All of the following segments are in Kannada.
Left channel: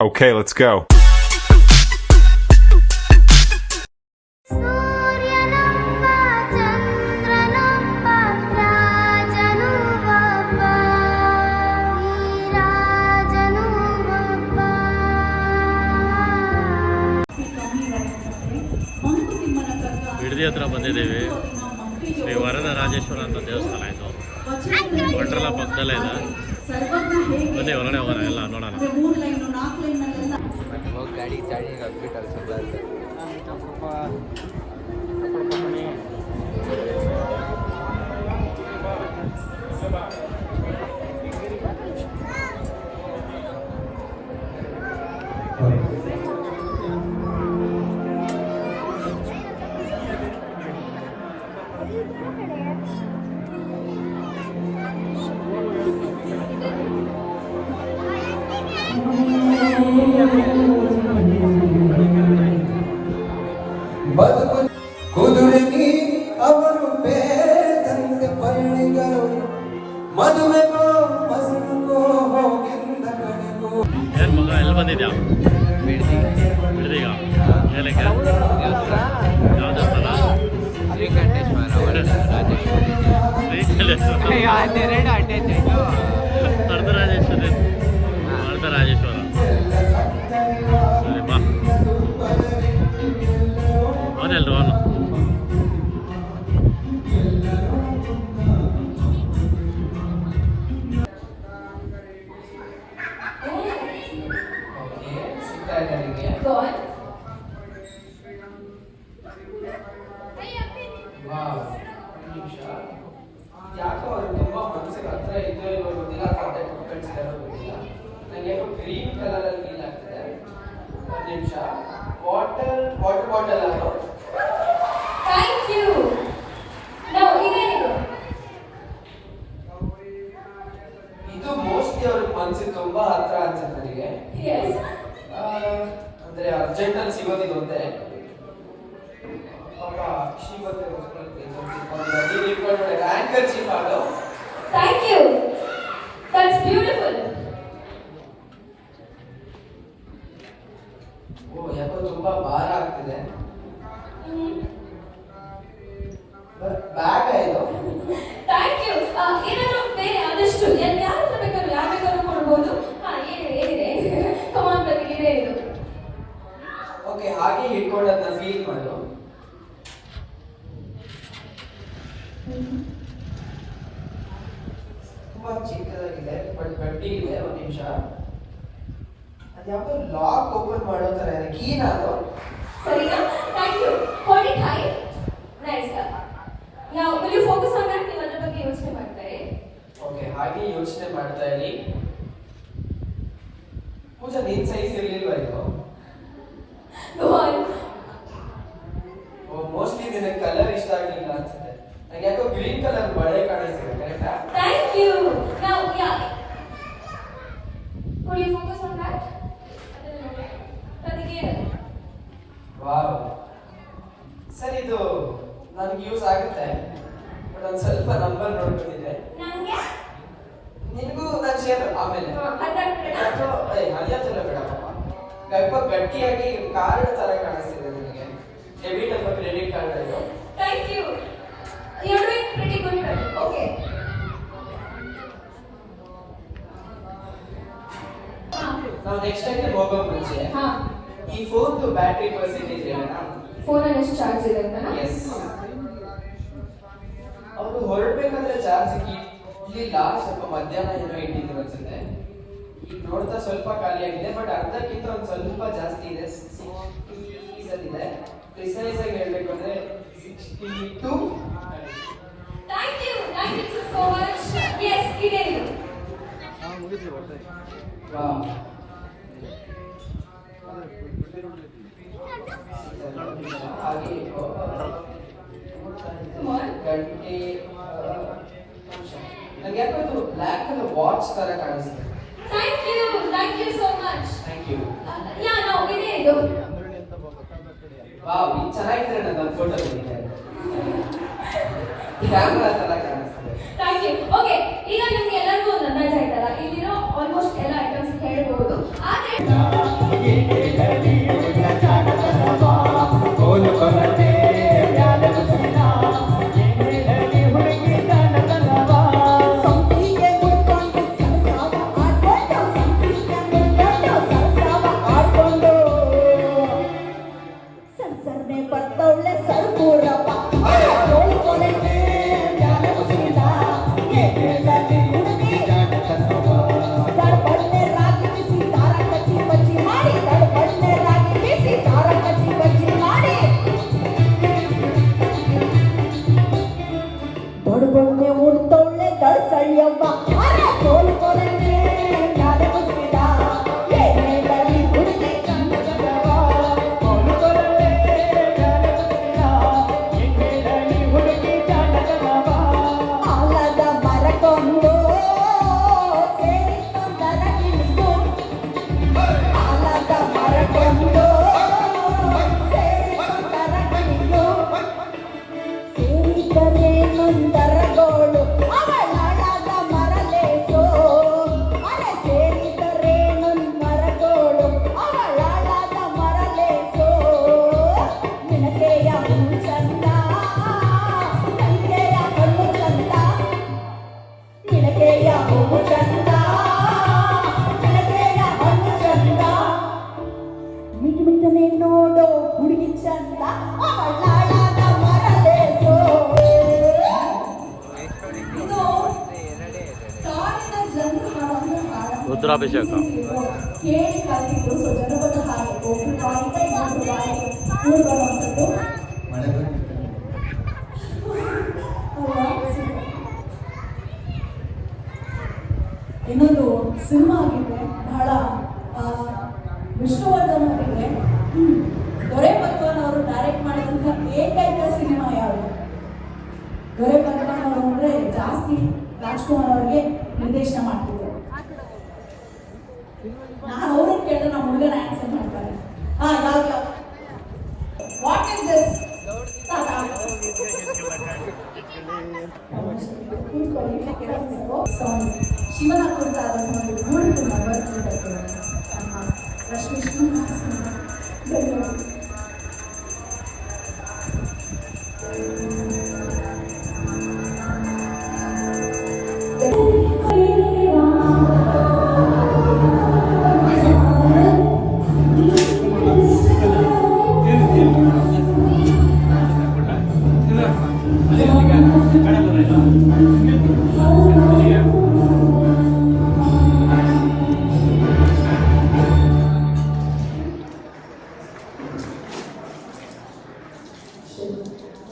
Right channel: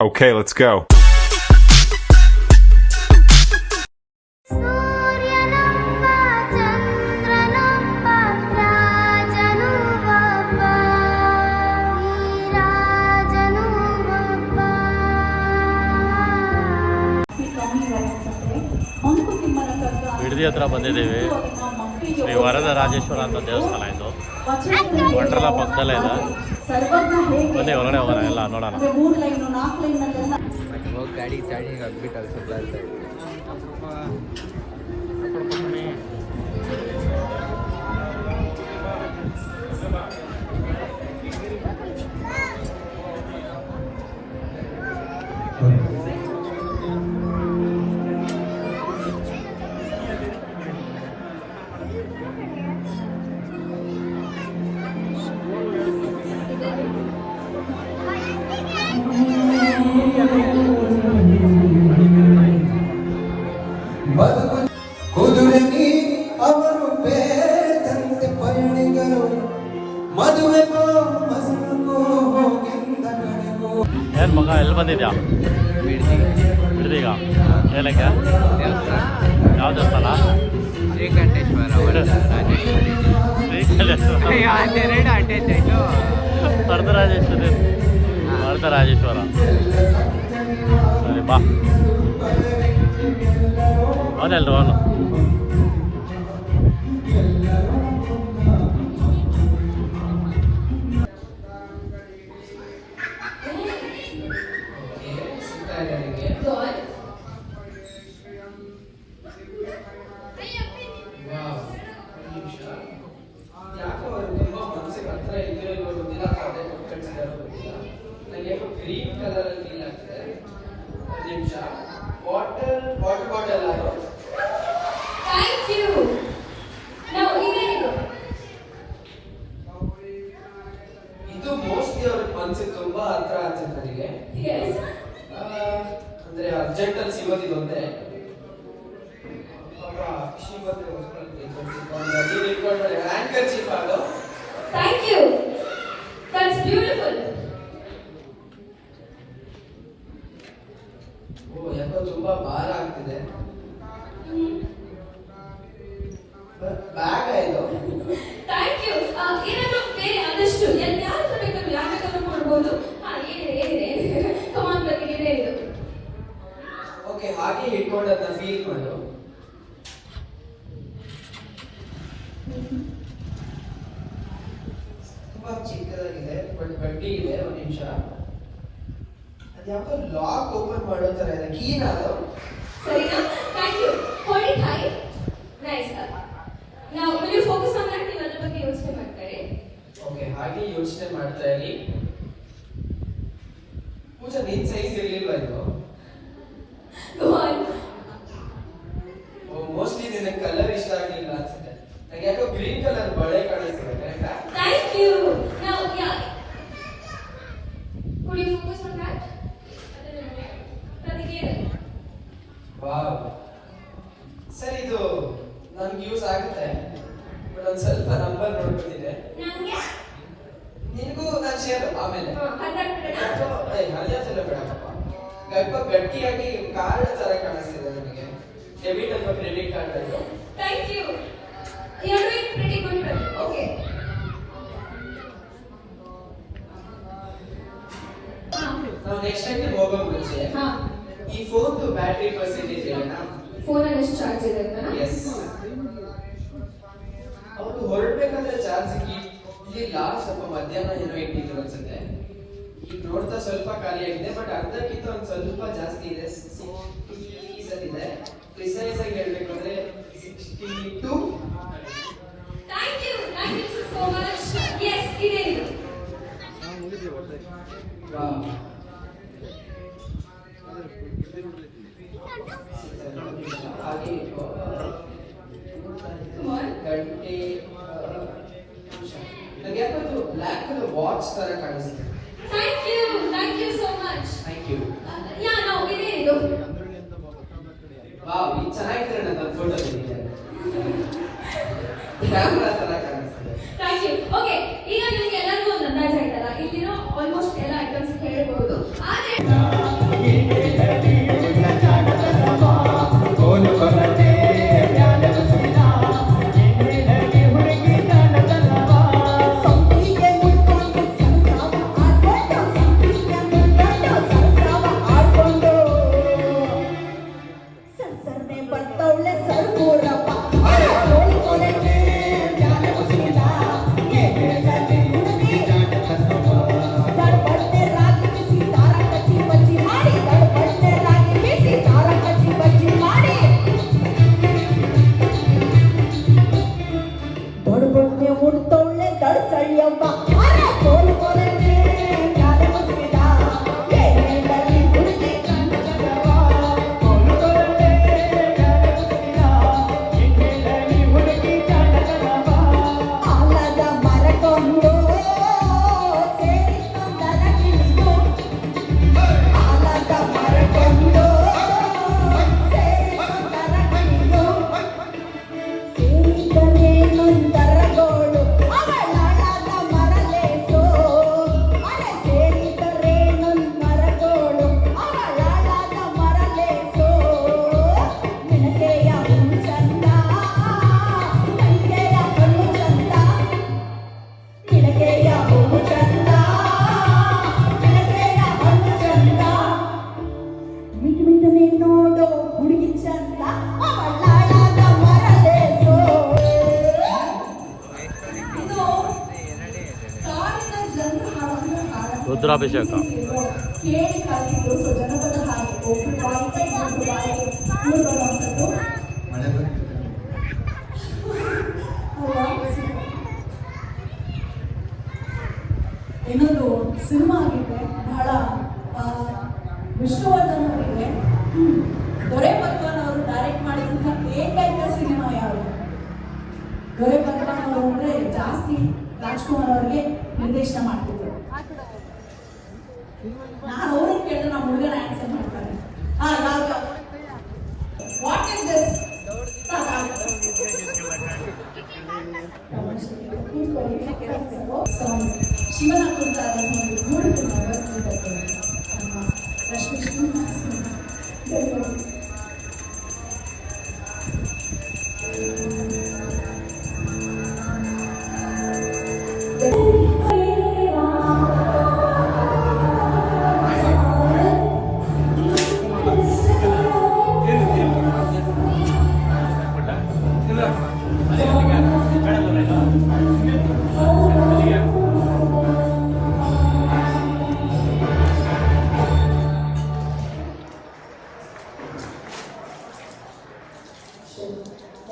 Okay, let's go. ಬಿಡದಿ ಹತ್ರ ಬಂದಿದ್ದೀವಿ. ಶ್ರೀ ವರದ ರಾಜೇಶ್ವರ ಅಂತ ದೇವಸ್ಥಾನ ಇದು. ವಂಡರ್ಲಾ ಪಕ್ಕದಲ್ಲೇ ಇದೆ. ಬನ್ನಿ ಹೊರಗಡೆ ಹೋಗೋಣ, ಎಲ್ಲ ನೋಡೋಣ. ಕುದುರೆಗಿ ಅವರು ಬೇದಂತೆ ಪರಿಣಿಗಳು ಮದುವೆಗೋ ಮಸನಗೋ ಹೋಗಿಂದ ಕಡೆಗೋ. ಏನು ಮಗ, ಎಲ್ಲಿ ಬಂದಿದ್ಯಾ? ಬಿಡದಿಗ ಏನಕ್ಕೆ? ಯಾವ ದೇವಸ್ಥಾನ? ವರದರಾಜೇಶ್ವರಿ, ವರದರಾಜೇಶ್ವರ. ಸರಿ ಬಾ, ಅವನೆಲ್ರು ಅವನು. ಯಾಕೋ ಅವರು ತುಂಬಾ ಮನಸ್ಸಿಗೆ ಹತ್ರ ಇದೆಯೋ ಇಲ್ಲೋ ಗೊತ್ತಿಲ್ಲ, ಕಳಿಸಿದಾರೋ ಗೊತ್ತಿಲ್ಲ. ನನಗೆ ಯಾಕೋ ಗ್ರೀನ್ ಕಲರ್ ಅಲ್ಲಿ ಫೀಲ್ ಆಗ್ತದೆ. ಒಂದು ನಿಮಿಷ. ವಾಟರ್ ಬಾಟಲ್ ಯಾರು? Thank you. ಇದು ಮೋಸ್ಟ್ಲಿ ಅವ್ರ ಮನಸ್ಸಿಗೆ ತುಂಬಾ ಹತ್ರ ಅನ್ಸುತ್ತೆ ನನಗೆ. ಅಂದ್ರೆ ಅರ್ಜೆಂಟ್ ಅಲ್ಲಿ ಸಿಗೋದಿಲ್ಲ ಅಂತೆ. ಆಂಕರ್ ಚೀಫ್ ಅದು. Thank you, that's beautiful. ಓ, ಯಾಕೋ ತುಂಬಾ ಭಾರ ಆಗ್ತಿದೆ. ಬ್ಯಾಗ್ ಇದು. Thank you. ಏನಾದರೂ ಬೇರೆ ಆದಷ್ಟು ಯಾರು ಬೇಕಾದ್ರೂ ಯಾವ ಬೇಕಾದ್ರೂ ಕೊಡ್ಬೋದು. ಏನಿದೆ ಕಮಾನ್, ಪ್ರತಿಗೆ ಇದು. ಓಕೆ, ಹಾಗೆ ಹಿಡ್ಕೊಂಡು ಅದನ್ನ ಫೀಲ್ ಮಾಡು. ತುಂಬಾ ಚಿಕ್ಕದಾಗಿದೆ, ಬಟ್ ಗಟ್ಟಿ ಇದೆ. ಒಂದು ನಿಮಿಷ. ಅದ್ಯಾವುದೋ ಲಾಕ್ ಓಪನ್ ಮಾಡೋ ತರ ಇದೆ. ಕೀನ ಅದು? ಸರಿನಾ? Thank you. Hold it high. Nice. Now will you focus on that? ನೀವು ಅದರ ಬಗ್ಗೆ ಯೋಚನೆ ಮಾಡ್ತಾ ಇರಿ. ಓಕೆ, ಹಾಗೆ ಯೋಚನೆ ಮಾಡ್ತಾ ಇರಿ. ಪೂಜಾ, ನಿನ್ ಸೈಜ್ ಇರ್ಲಿಲ್ವಾ ಇದು? Go on. ಓ, ಮೋಸ್ಟ್ಲಿ ನಿನಗೆ ಕಲರ್ ಇಷ್ಟ ಆಗಲಿಲ್ಲ ಅನ್ಸುತ್ತೆ. ನನಗೆ ಯಾಕೋ ಗ್ರೀನ್ ಕಲರ್ ಬಳೆ ಕಾಣಿಸ್ತಿದೆ. ಕರೆಕ್ಟಾ? Thank you. Now yeah, could you focus on that? ಪ್ರತಿಗೆ ವಾವ್, ಸರಿ, ಇದು ನನಗೆ ಯೂಸ್ ಆಗುತ್ತೆ. ಒಂದು ಸ್ವಲ್ಪ ನಂಬರ್ ನೋಡ್ಬಿಟ್ಟಿದೆ. ನನಗೆ ನಿನಗೂ ನಾನು ಶೇರ್ ಆಮೇಲೆ. ಹರಿಯಾಸಲ್ಲ ಬೇಡ ಪಾಪ. ಸ್ವಲ್ಪ ಗಟ್ಟಿಯಾಗಿ ಕಾರ್ಡ್ ತರ ಕಾಣಿಸ್ತಿದೆ ನನಗೆ. ಡೆಬಿಟ್ ಅಥವಾ ಕ್ರೆಡಿಟ್ ಕಾರ್ಡ್ ಅದು. Thank you. You are doing pretty good. Okay, ನಾವು ನೆಕ್ಸ್ಟ್ ಟೈಮ್ ಹೋಗೋ ಮುಂಚೆ ಈ ಫೋನ್ದು ಬ್ಯಾಟರಿ ಪರ್ಸೆಂಟೇಜ್ ಹೇಳೋಣ. ಫೋನಲ್ಲಿ ಎಷ್ಟು ಚಾರ್ಜ್ ಇದೆ ಅಂತ? ಎಸ್, ಅವ್ರು ಹೊರಡ್ಬೇಕಾದ್ರೆ ಚಾರ್ಜ್ ಇಲ್ಲಿ ಲಾಸ್ಟ್ ಸ್ವಲ್ಪ ಮಧ್ಯಾಹ್ನ ಏನೋ ಇಟ್ಟಿದ್ರು ಅನ್ಸುತ್ತೆ. ಈಗ ನೋಡ್ತಾ ಸ್ವಲ್ಪ ಖಾಲಿ ಆಗಿದೆ, ಬಟ್ ಅರ್ಧಕ್ಕಿಂತ ಒಂದು ಸ್ವಲ್ಪ ಜಾಸ್ತಿ ಇದೆ. 60 ಇದೆ. ಪ್ರಿಸೈಸ್ ಆಗಿ ಹೇಳ್ಬೇಕು ಅಂದ್ರೆ 62. Thank you so much. Yes, ಇದೆ ಇದು. ವಾವ್, ಹಾಗೆ 20. ನನಗೆ ಯಾಕೋ ಬ್ಲ್ಯಾಕ್ ವಾಚ್ ತರ ಕಾಣಿಸ್ತಿದೆ. Thank you so much. Thank you. Yeah, now ಇದೆ ಇದು. ವಾವ್, ಇದು ಚೆನ್ನಾಗಿದೆ. ನನ್ನ ಫೋಟೋ ತೆಗಿತೆ. ಕ್ಯಾಮೆರಾ ತರ ಕಾಣಿಸ್ತಿದೆ. Thank you. ಓಕೆ, ಈಗ ನಿಮಗೆ ಎಲ್ಲರಿಗೂ ಒಂದು ಅಂದಾಜು ಆಯ್ತಲ್ಲ, ಇಲ್ಲಿರೋ ಆಲ್ಮೋಸ್ಟ್ ಎಲ್ಲ ಐಟಮ್ಸ್ ಹೇಳ್ಬೋದು. ಆದ್ರೆ ರುದ್ರಾಭಿಷೇಕ. ಕೇಳಿ ಕಲಿತು ಸೊ ಜನಪದ ಹಾಗೆ ಒಬ್ಬರು ಬಾಯಿಗೆ ಇನ್ನೊಬ್ರು ಬಾಯಿಗೆ ಕೂಡುವಂಥದ್ದು ಮಳೆ ಬರ್ತಿದೆ. ಅಲ್ವಾ? ಇನ್ನೊಂದು ಸಿನಿಮಾ ಆಗಿದೆ ಬಹಳ ವಿಷ್ಣುವರ್ಧನ್ ಅವರಿಗೆ ದೊರೆ ಭಗವಾನ್ ಅವರು ಡೈರೆಕ್ಟ್ ಮಾಡಿದಂತಹ ಏಕೈಕ ಸಿನಿಮಾ ಯಾವುದು? ದೊರೆ ಭಗವಾನ್ ಅವರು ಅಂದ್ರೆ ಜಾಸ್ತಿ ರಾಜ್ಕುಮಾರ್ ಅವರಿಗೆ ನಿರ್ದೇಶನ ಮಾಡ್ತಿದ್ರು. ನಾನು ಅವ್ರನ್ನ ಕೇಳಿದ್ರೆ ನಾವು ಹುಡುಗನ ಆನ್ಸರ್ ಮಾಡ್ತಾರೆ. ಯಾವ್ದು? What is this? ಶಿವನ ಕುರಿತಾದ ಒಂದು ಬ್ಯೂಟಿಫುಲ್ ರಶ್ಮಿ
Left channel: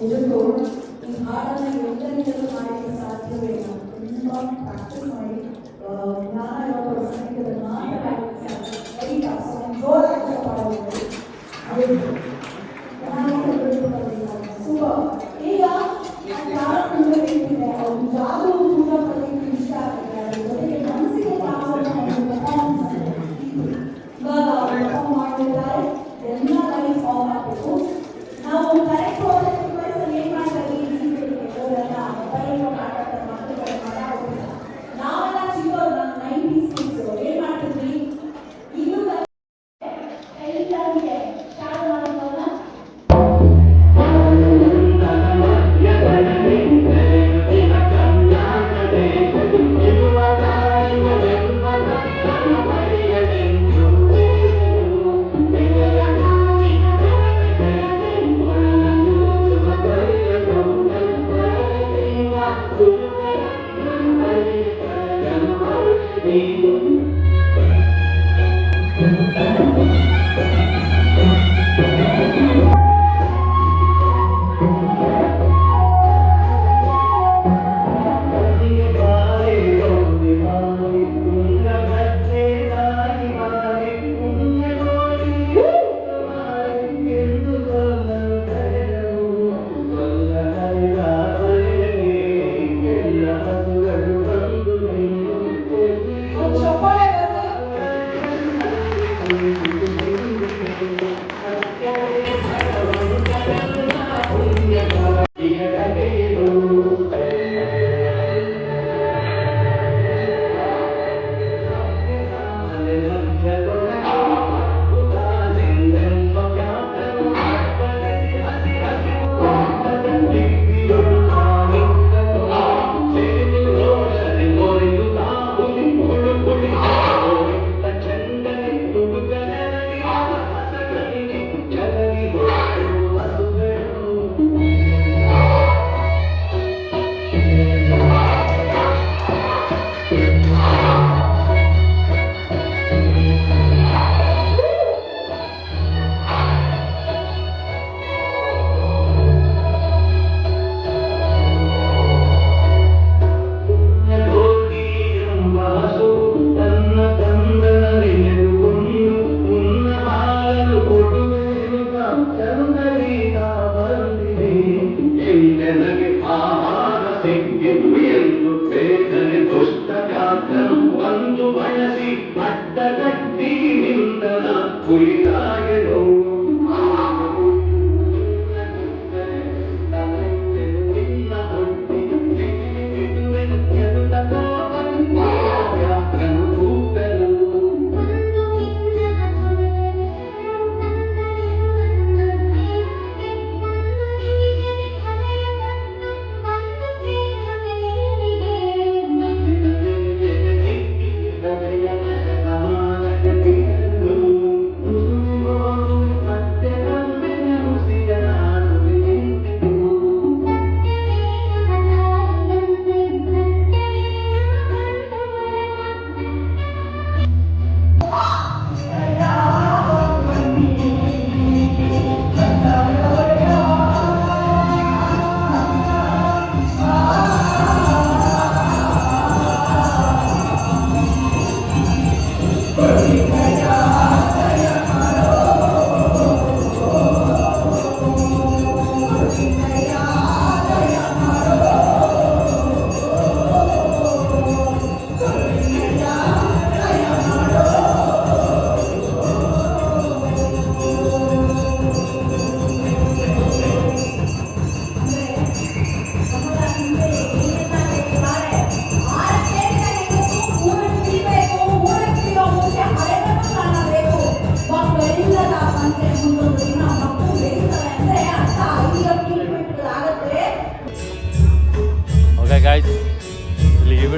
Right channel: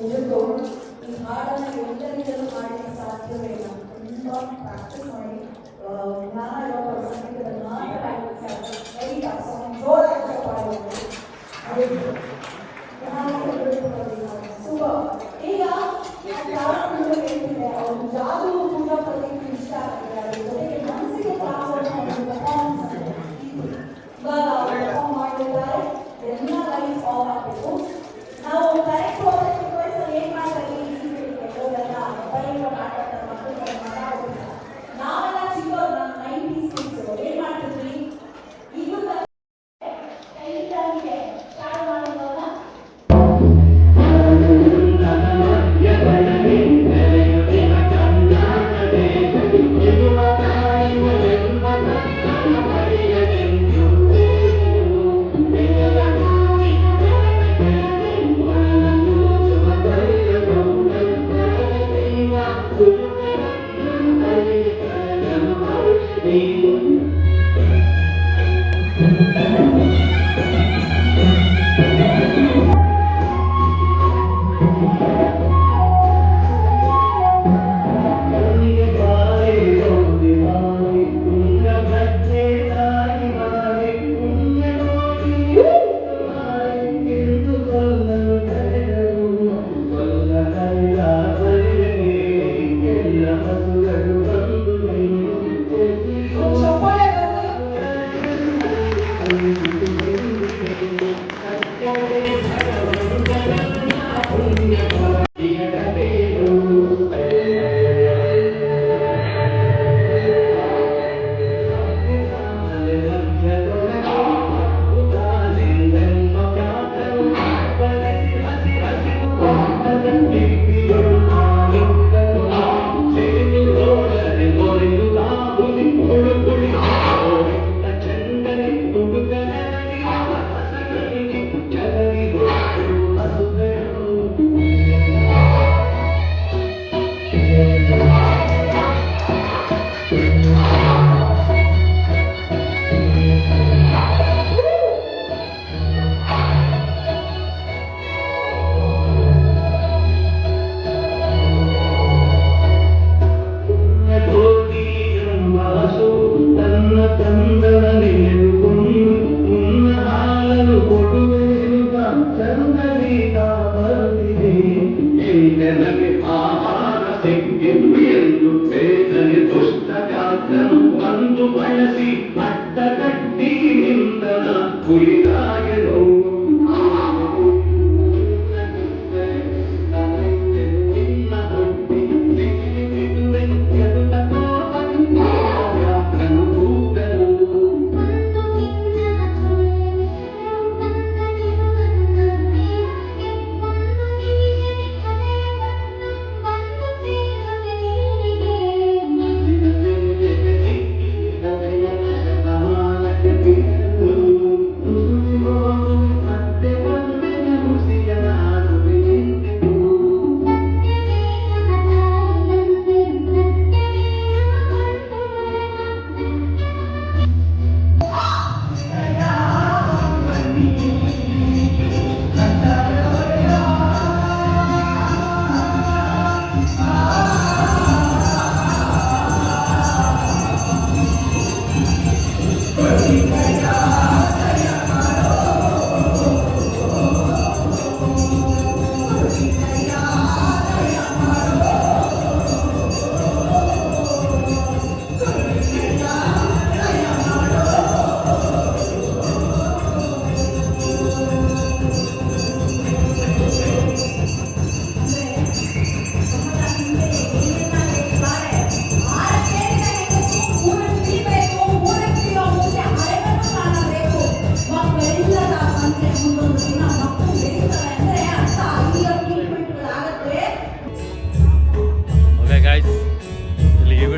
ಇದನ್ನು ಈ ಹಾಡನ್ನು ಯೋಚನೆಗಳು ಮಾಡಲು ಸಾಧ್ಯವಿಲ್ಲ. ತುಂಬ ಪ್ರಾಕ್ಟೀಸ್ ಮಾಡಿ ಜ್ಞಾನ ಸಂಗೀತವನ್ನು ಮಾತನಾಡಲಿಕ್ಕೆ ಸಾಧ್ಯ. ಜೋರಾಗಿ ಪಾಡಬಹುದು. ಅದು ಈಗ ಜಾದು ತುಂಬ ಪ್ರತಿನಿಧಿ ಇಷ್ಟ ಆಗ್ತದೆ. ಜೊತೆಗೆ ಮನಸ್ಸಿಗೆ ಇವಾಗ ಮಾಡಿದ್ದಾರೆ ಎಲ್ಲ ಕೈ ಸಾಂಗ್ ಮಾಡಬೇಕು. ನಾವು ಕರೆಕ್ಟ್ ಏನ್ ಮಾಡ್ತಾರೆ ನಾವೆಲ್ಲ ಚಿಕ್ಕ 90s ಕಿಡ್ಸ್ ಏನ್ ಮಾಡ್ತಿದ್ವಿ? ಇದು ಎಲ್ಲರಿಗೆ ಸ್ಟಾರ್ಟ್ ಮಾಡೋಣ.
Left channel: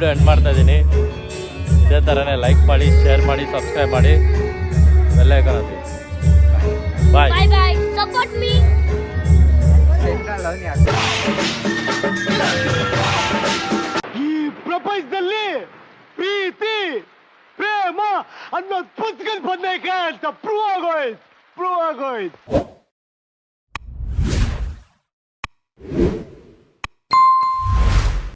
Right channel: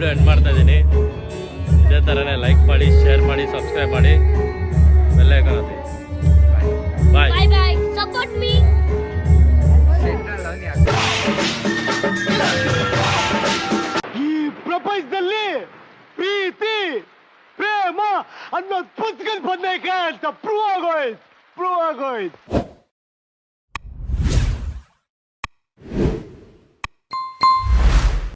ವಿಡಿಯೋ ಎಂಡ್ ಮಾಡ್ತಾ ಇದ್ದೀನಿ. ಇದೇ ಥರನೇ ಲೈಕ್ ಮಾಡಿ, ಶೇರ್ ಮಾಡಿ, ಸಬ್ಸ್ಕ್ರೈಬ್ ಮಾಡಿ, ಬೆಲ್ ಐಕಾನ್ ಒತ್ತಿ. ಬಾಯ್. Bye bye. Support me. ಈ ಪ್ರಪಂಚದಲ್ಲಿ ಪ್ರೀತಿ ಪ್ರೇಮ ಅನ್ನೋದು ಪುಸ್ತಕದ ಬಂದೈಕೆ ಅಂತ ಪ್ರೂವ್ ಆಗೋಯ್ತು.